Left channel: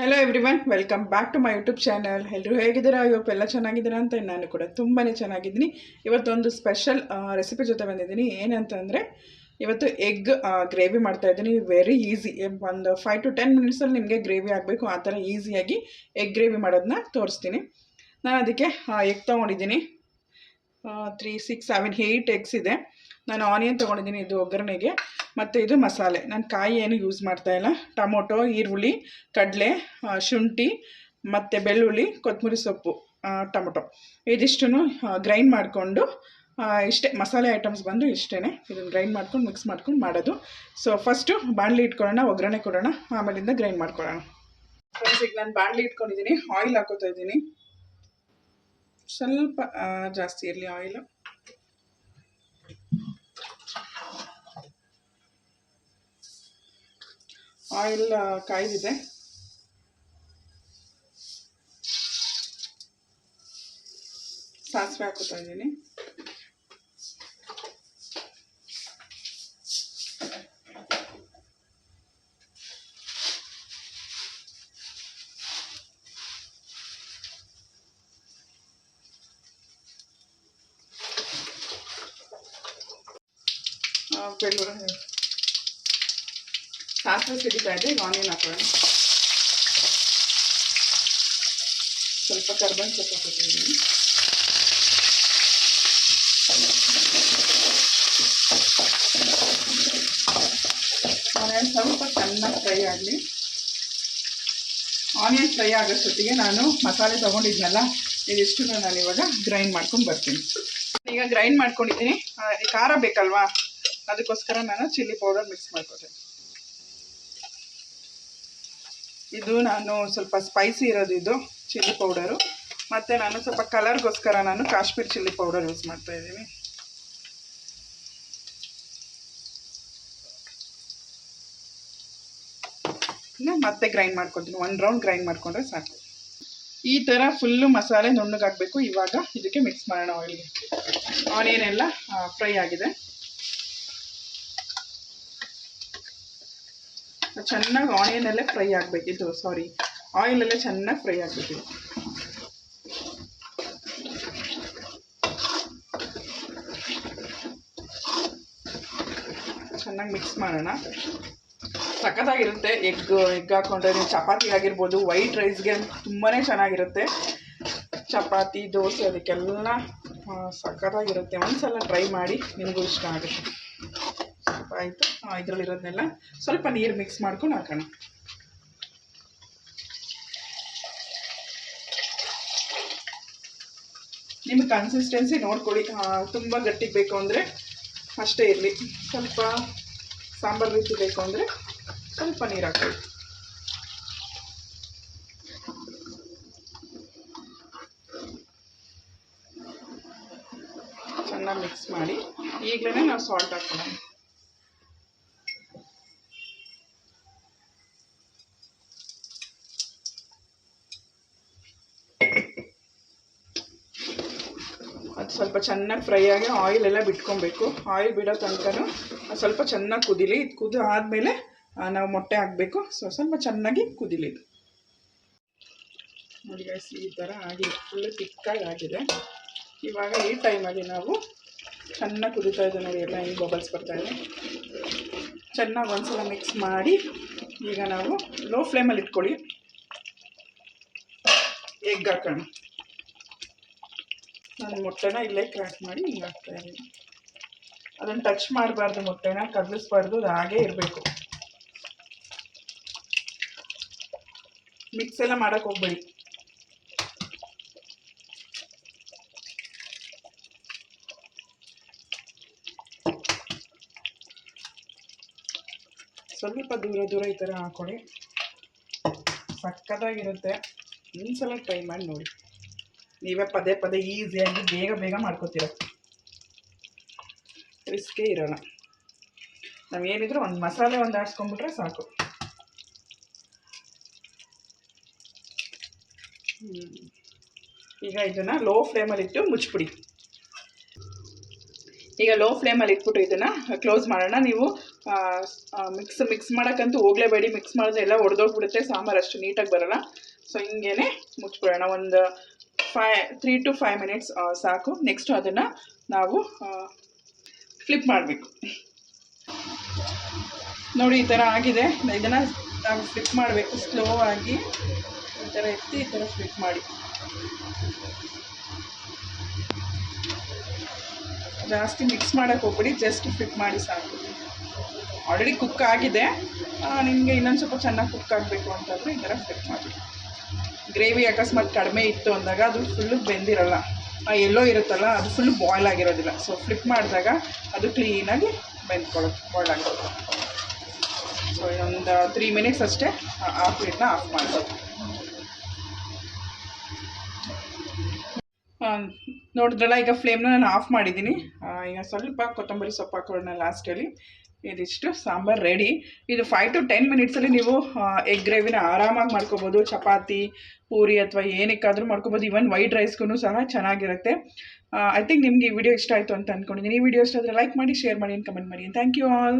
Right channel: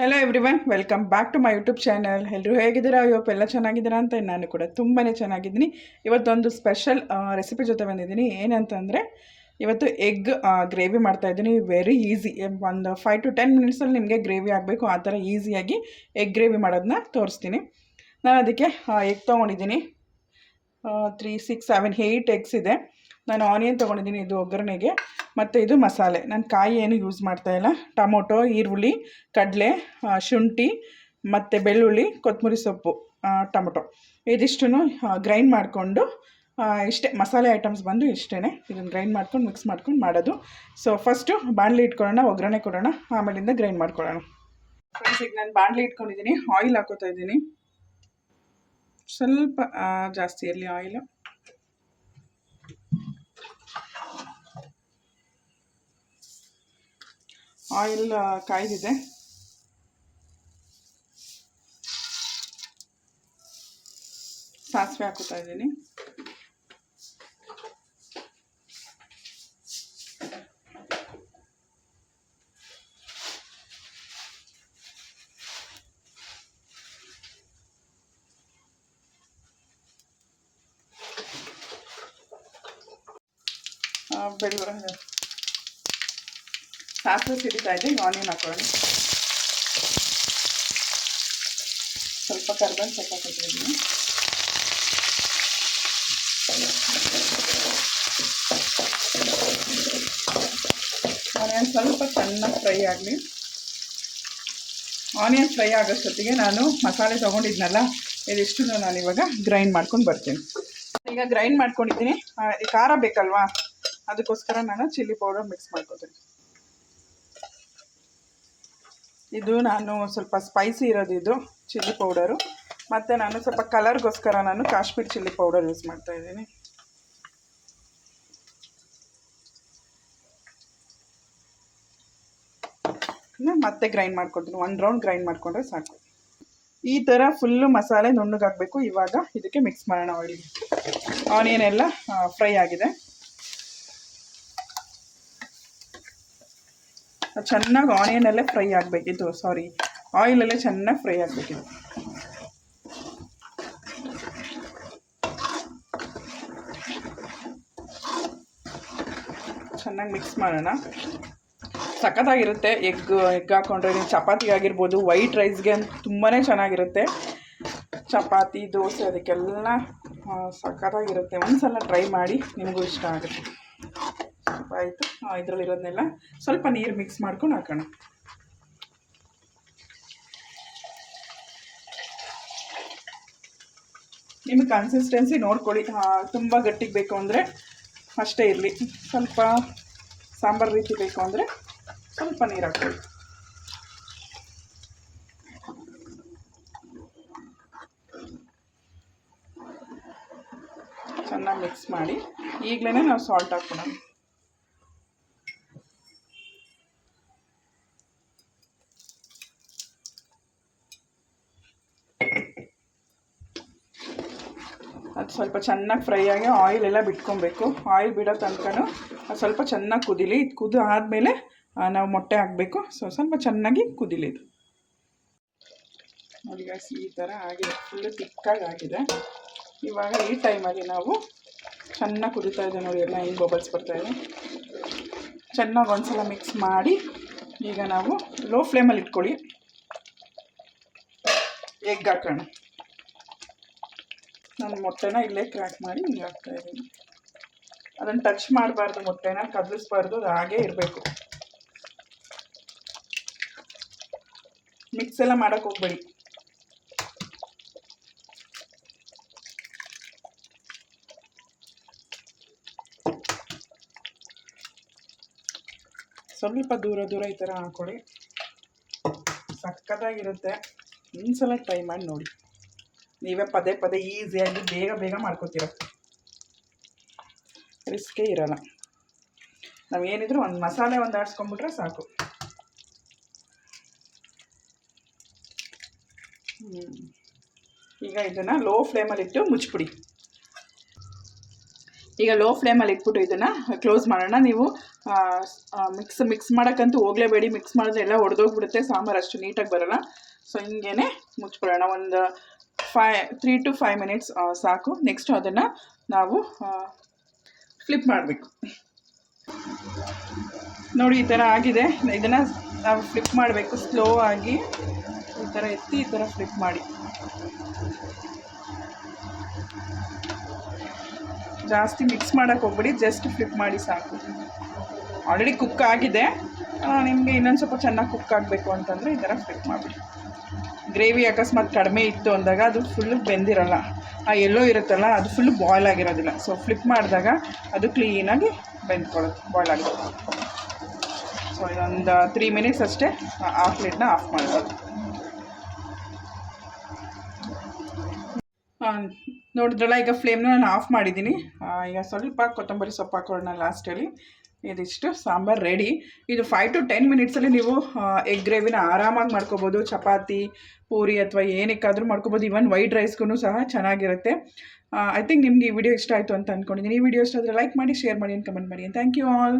Hello everyone, welcome back to my YouTube channel. ಎಲ್ಲರೂ ಹೇಗಿದ್ದೀರಾ? ಇವತ್ತು ಎಲ್ಲ ಚೆನ್ನಾಗಿದ್ದೀರಾ ಅಂತ ನಾನು ಕೂಡ ತುಂಬಾ ಚೆನ್ನಾಗಿದ್ದೀನಿ. ಇವತ್ತೊಂದು ಸ್ಪೆಷಲ್ ರೆಸಿಪಿ ಜೊತೆ ಬಂದಿದ್ದೀನಿ. ಏನಂತಂದರೆ ಇವತ್ತು ಎಗ್ ಗ್ರೇವಿ ಮಾಡ್ತಾಯಿದ್ದೀನಿ. ವೆರಿ ಈಸಿ, ಒಂದು 5 to 10 ಮಿನಿಟ್ಸಲ್ಲಿ ನಿಮಗೆ ಗ್ರೇವಿ ಆಗಬೇಕು. ಆ ಥರ ಈಸಿಯಾಗಿ ಎಗ್ ಗ್ರೇವಿ ಮಾಡೋದನ್ನ ತೋರಿಸ್ತೀನಿ. ನಾನು ಅದಕ್ಕೆ ಎಗ್ ತೊಗೊಂಡಿದ್ದೀನಿ. 3, 6, 7, 8 ಎಗ್ಸ್ ಇದೆ. ನಾನು ಆನಿಯನ್ ತೊಗೊಂಡಿದ್ದೀನಿ, ಇದು ಒಗ್ಗರಣೆಗೆ. ಮತ್ತು ಇದು ಮಸಾಲೆ. ನಾನು ಕಾಯಿ ಏನು ಯೂಸ್ ಮಾಡ್ತಾಯಿಲ್ಲ. ಟೊಮೊಟೊ, ಈರುಳ್ಳಿ, ಕಡಲೆ, ಶುಂಠಿ ಮತ್ತು ಬೆಳ್ಳುಳ್ಳಿ, ಕೊತ್ತಂಬರಿ ಸೊಪ್ಪು, ಟೊಮೊಟೊ ಇದಿಷ್ಟನ್ನು ಗ್ರೈಂಡ್ ಮಾಡಿಕೊಂಡು ಇಷ್ಟೇ ಮಸಾಲೆ ಐಟಮ್ಸ್ ಬಂದು ಇಷ್ಟೇ. ಇದನ್ನು ಗ್ರೈಂಡ್ ಮಾಡ್ಕೊಂಡು ಮಿಕ್ಸ್ ಮಾಡ್ಕೊಂಡು ಮಾಡೋದು. ಸೊ ಫಸ್ಟು ಬಾಣಲಿ ಇಟ್ಕೊಳ್ಳೋಣ, ಒಗ್ಗರಣೆ ಕೊಡೋಣ, ಆಮೇಲಿಂದ ಗ್ರೈಂಡ್ ಮಾಡ್ಕೊಳ್ಳೋಣ. ಫ್ರೆಂಡ್ಸ್, ಈಗ ನಾನು ಬಾಣಲಿ ಇಟ್ಕೊಂಡಿದ್ದೀನಿ. ಆಯಿಲ್ ಹಾಕೋತಾ ಇದ್ದೀನಿ. ಸ್ವಲ್ಪ ಜಾಸ್ತಿ ಇರಲಿ ಆಯಿಲು. ಆಯಿಲ್ ಕಾಯ್ದಿದೆ. ಸಾಸಿವೆ ಹಾಕೋತಾ ಇದ್ದೀನಿ. ಬೆಳ್ಳುಳ್ಳಿ, ಸಾಸಿವೆ ಸಿಡಿತಾ ಇದೆ. ಈಗ ಆನಿಯನ್ ಹಾಕೊಳ್ಳಿ. ಸ್ವಲ್ಪ ಕರ್ಬೇವಿನ ಸೊಪ್ಪು ಹಾಕೋತಿದ್ದೀನಿ. ಆನಿಯನ್ ಸ್ವಲ್ಪ ಚೆನ್ನಾಗಿ ಫ್ರೈ ಆಗಲಿ. ಆನಿಯನ್ ಫ್ರೈ ಆಗೋಷ್ಟೊತ್ತಿಗೆ ನಾನು ಮಸಾಲೆ ತೊಗೊಂಡಿದ್ನಲ್ಲ, ಇದಿಷ್ಟು ನಾನು ಇವಾಗ ಗ್ರೈಂಡ್ ಮಾಡ್ಕೊಂಡು ಬರ್ತೀನಿ. ಈಗ ಗ್ರೈಂಡ್ ಮಾಡ್ಕೊಂಡಿದ್ದೀನಿ. ಖಾರ ಬೇಕಲ್ವಾ, ಅದಕ್ಕೋಸ್ಕರ ನಾನು ಚಿಲ್ಲಿ ಪೌಡರ್ ಮಿಕ್ಸ್ ಮಾಡ್ಕೊತೀನಿ. ಇದು ನಾನು ಸ್ವಲ್ಪ ಸ್ಪೈಸಿ ಇರೋದು, ಇದು ಚಿಲ್ಲಿ ಪೌಡರು. ಮತ್ತು ನಾನು ಸ್ವಲ್ಪ ಕಲರ್ಗೋಸ್ಕರ ನಾನು ಕಾಶ್ಮೀರ್ ಚಿಲ್ಲಿ ಪೌಡರ್ ಯೂಸ್ ಮಾಡ್ತಾಯಿದ್ದೀನಿ. ಮತ್ತೆ ಗ್ರೈಂಡ್ ಮಾಡ್ಕೊತೀನಿ. 1 ರೌಂಡ್ ಗ್ರೈಂಡ್ ಮಾಡಿಕೊಂಡ್ರೆ ಸಾಕು. ಈ ಥರ ಫುಲ್ಲು ಮಸಾಲೆ ನುಣ್ಣಗಾಗಬೇಕು. ಇವಾಗ ಇದಕ್ಕೆ ಮಿಕ್ಸ್ ಮಾಡೋಣ ಆಯಿಲ್ಗೆ. ಆನಿಯನ್ ಎಲ್ಲ ಫ್ರೈ ಆಗಿದೆ. ಚೆನ್ನಾಗಿ ಆನಿಯನ್ ಫ್ರೈ ಆಗಬೇಕಿತ್ತು. ಆಯಿಲಲ್ಲೇ ಚೆನ್ನಾಗಿ ಫ್ರೈ ಆಗಬೇಕಿತ್ತು. ಚೆನ್ನಾಗಿ ಮಿಕ್ಸ್ ಮಾಡೋಣ. ಸಖತ್ತಾಗಿರುತ್ತೆ. ಎಗ್ ಹಾಕ್ಕೊಂಡ್ರೆ ನೀವು ಚಪಾತಿ ಆಗಿರ್ಬೋದು, ವೈಟ್ ರೈಸ್ಗೆ ತುಂಬಾ ಚೆನ್ನಾಗಿರುತ್ತೆ. ಚಪಾತಿ, ದೋಸೆ ಅದಕ್ಕೆಲ್ಲ ಸಖತ್ತಾಗಿರುತ್ತೆ. ಒಂದ್ಸಲ ಟ್ರೈ ಮಾಡಿ, ನಿಮಗೂ ಇಷ್ಟ ಆಗುತ್ತೆ. ಆಯಿತು, ಇದರಲ್ಲಿರೋದನ್ನೆಲ್ಲ ಸ್ವಲ್ಪ ನೀರು ಮಿಕ್ಸ್ ಮಾಡ್ಕೊಂಡು ಹಾಕೋಣ. ನಿಮಗೆ ಕನ್ಸಿಸ್ಟೆನ್ಸಿ ನೋಡ್ಕೊಳ್ಳಿ. ತುಂಬ ಗಟ್ಟಿಗೆ ಬೇಕು ಅಂದರೆ ಅಷ್ಟೇ ಇರಲಿ. ಸ್ವಲ್ಪ ಸಾಂಬಾರು ರೀತಿ ಬೇಕು ಅಂದರೆ ಸ್ವಲ್ಪ ನೀರು ಹಾಕೊಳ್ಳಿ. ಚೆನ್ನಾಗಿ ಮಿಕ್ಸ್ ಮಾಡಿ ಈಗಲೇ ನಾವು ಸಾಲ್ಟ್ ಹಾಕೋಣ. ಅದು ಸ್ವಲ್ಪ ಚೆನ್ನಾಗಿ ಫ್ರೈ ಆಗಿ ಆಯಿಲ್ ಎಲ್ಲ ಬಿಟ್ಕೊಬೇಕು. ಆಯಿಲ್ ಬಿಡೋ ತನಕನೂ ಸ್ವಲ್ಪ ಚೆನ್ನಾಗಿ ಕುದೀಲಿ. ಇದು ಕುದಿ ಆದಮೇಲೆ ನಾವು ಮೊಟ್ಟೆ ಹಾಕಬೇಕು. ಸ್ವಲ್ಪ ಚೆನ್ನಾಗಿ ಕುದೀಲಿ ಇದು. ನೋಡಿ ಗೈಸ್, ಈ ಥರ ಆಗಿದೆ, ಫುಲ್ಲು ತಿಕ್ಕಾಗಿ ಆಗಿದೆ. ಇವಾಗ ಈ ಟೈಮಾಗಿ ನಾವು ಚೆನ್ನಾಗಿ ಕುದೀತಾ ಇದೆ ನೋಡಿ, ಎಲ್ಲ ಹಿಂಗೆ ಬಬಲ್ಸ್ ಬರ್ತಾಯಿದೆ. ಚೆನ್ನಾಗಿ ಒಂದ್ಸಲ ಮಿಕ್ಸ್ ಮಾಡಿ ಈಗ ನಾವು ಲೋ ಫ್ಲೇಮಲ್ಲಿ ಇಟ್ಕೊಳ್ಳಿ. ಎಗ್ ಹಾಕೋಣ. ನಾನು ಮೊಟ್ಟೆನ ಇಲ್ಲೇ ಕ್ರ್ಯಾಕ್ ಮಾಡಿ ಹಿಂಗೆ ಹಾಕ್ತಾಯಿದ್ದೀನಿ. ಅದನ್ನು ಟಚ್ ಮಾಡಬಾರ್ದು, ಮೊಟ್ಟೆನ ಕದಲಿಸ್ಬಾರ್ದು, ಅದು ಹಾಗೇ ಇರಬೇಕು. ಮಿಕ್ಸ್ ಎಲ್ಲ ಮಾಡೋಕ್ಕೆ ಹೋಗ್ಬೇಡಿ. ಸ್ವಲ್ಪ ದೂರ ಈ ಥರ ಹಾಕ್ಕೊಳ್ಳಿ. ಸಕ್ಕತ್ತಾಗಿರುತ್ತೆ. ಒಂದ್ಸಲ ಟ್ರೈ ಮಾಡಿ ನೋಡಿ. ನೀವೇ ಪದೇ ಈಸಿಯಾಗಿ ಬೇಗ ಮಾಡ್ಕೊತೀರ. ರಿಸ್ಕೇ ಇರೋಲ್ಲ. ನಾವೇನಿದ್ರು ಒಂದು ಮಸಾಲೆ ಆಡಿಸ್ಕೊಂಡ್ಬಿಟ್ರೆ ಸಾಕು. ಈಗ ಇದನ್ನು ಲೋ ಫ್ಲೇಮಲ್ಲಿಟ್ಟು ಮುಚ್ಚಿಬಿಡಿ. ಈಗ ಲೋ ಫ್ಲೇಮಲ್ಲಿ ಇಟ್ಬಿಟ್ಟು ಇದನ್ನು ಕ್ಲೋಸ್ ಮಾಡೋಣ. ನೀವು ಮಿಕ್ಸ್ ಮಾಡೋಕ್ಕಂತೂ ಹೋಗಲೇಬೇಡಿ. ಮಿಕ್ಸ್ ಮಾಡಿದ್ರೆ ಎಲ್ಲ ಒಡೆದೋಗ್ಬಿಡುತ್ತೆ, ಸಾಂಬಾರು ಅಷ್ಟು ನೀಟಾಗಿ ಬರೋಲ್ಲ. ಸೊ ಹಿಂಗೇ ಮುಚ್ಬಿಡೋಣ. ಒಂದು 3 to 5 ಮಿನಿಟ್ಸ್ ಸಾಕು. ನೆಕ್ಸ್ಟ್ ಅದನ್ನು ನಾವು ಫ್ಲಿಪ್ ಮಾಡಬೇಕು. ನೋಡಿ ಈ ಥರ ಆಗಿದೆ. ಇದನ್ನು ನಾವು ಫ್ಲಿಪ್ ಮಾಡಬೇಕು ಸ್ಲೋ ಆಗಿ. ಈ ಥರ ಎತ್ತಿ ಈ ಥರ ಫ್ಲಿಪ್ ಮಾಡಿ. ಜಾಸ್ತಿ ಮಿಕ್ಸ್ ಮಾಡೋಕ್ಕೆ ಹೋಗ್ಬಿಡಿ, ಜಸ್ಟ್ ಫ್ಲಿಪ್ ಮಾಡಿ ಸಾಕು. ಆಲ್ರೆಡಿ ಕುಕ್ ಆಗಿದೆ. ನಿಮಗೆ ಇನ್ನೊಂದು ಸ್ವಲ್ಪ ಚೆನ್ನಾಗಿ ಕುಕ್ ಆಗಬೇಕು ಅಂತಂದರೆ ಈ ಥರ ಫ್ಲಿಪ್ ಮಾಡಿಬಿಡಿ. ಗ್ರೇವಿ ಅಕಸ್ಮಾತ್ ಕಡಿಮೆ ಇತ್ತು ಅಂದಾಗ ಅದು ಫುಲ್ಲು ಬೆಂದಿರೋಲ್ಲ, ಆ ಎಲ್ಲೋ ಇರುತ್ತಲ್ಲ ಅದು ಫುಲ್ಲು ಬಾಯ್ಲ್ ಆಗಿರೋದಿಲ್ಲ. ಸೊ ಫ್ಲಿಪ್ ಮಾಡಿದಾಗ ಅದು ಕ್ಲೀನಾಗಿ ಬೆಂದ್ಕೊಳ್ಳುತ್ತೆ, ಬಾಯ್ಲ್ ಆಗುತ್ತೆ. ಸೊ ಒಂದು 3 ಮಿನಿಟ್ಸ್ ಅಷ್ಟೇ ಆ ಪ್ಲೇಟ್ನ ಆಫ್ ಮಾಡ್ಬೋದು. ನೋಡಿದ್ರಲ್ಲ, ಈಗ ಫ್ಲೇಮ್ನ ನಾನು ಆಫ್ ಮಾಡಿದ್ದೀನಿ. ಈಗ ಸ್ವಲ್ಪ ಕೊತ್ತಂಬರಿ ಸೊಪ್ಪು ಹಾಕೊಳ್ಳೋಣ ಲಾಸ್ಟಲ್ಲಿ. ಇದಿಷ್ಟು ಸಾಂಬಾರು ರೆಡಿ. ಇದು 5 to 10 ಮಿನಿಟ್ಸಲ್ಲಿ ನೀವು ಎಗ್ ಗ್ರೇವಿನ ಆರಾಮಾಗಿ ಮಾಡ್ಕೋಬೋದು. ಚಪಾತಿ, ಪೂರಿ ಅಥವಾ ಏನಕ್ಕಾದರೂ ಮಾಡ್ಕೋಬೋದು. ಇವನ್ ವೈಟ್ ರೈಸ್ಗೂ ಸಹ ಚೆನ್ನಾಗಿರುತ್ತೆ. ಐ ಥಿಂಕ್ ನಿಮಗೆ ಈ ವಿಡಿಯೋ ಇಷ್ಟ ಆಯಿತು ಅಂತ ಅಂದ್ಕೊಂಡಿದ್ದೀನಿ. ಈ ವಿಡಿಯೋ ಇಷ್ಟ ಆದರೆ ಲೈಕ್ ಮಾಡಿ, ಶೇರ್ ಮಾಡಿ, ಕಮೆಂಟ್ ಮಾಡಿ. Thank you all.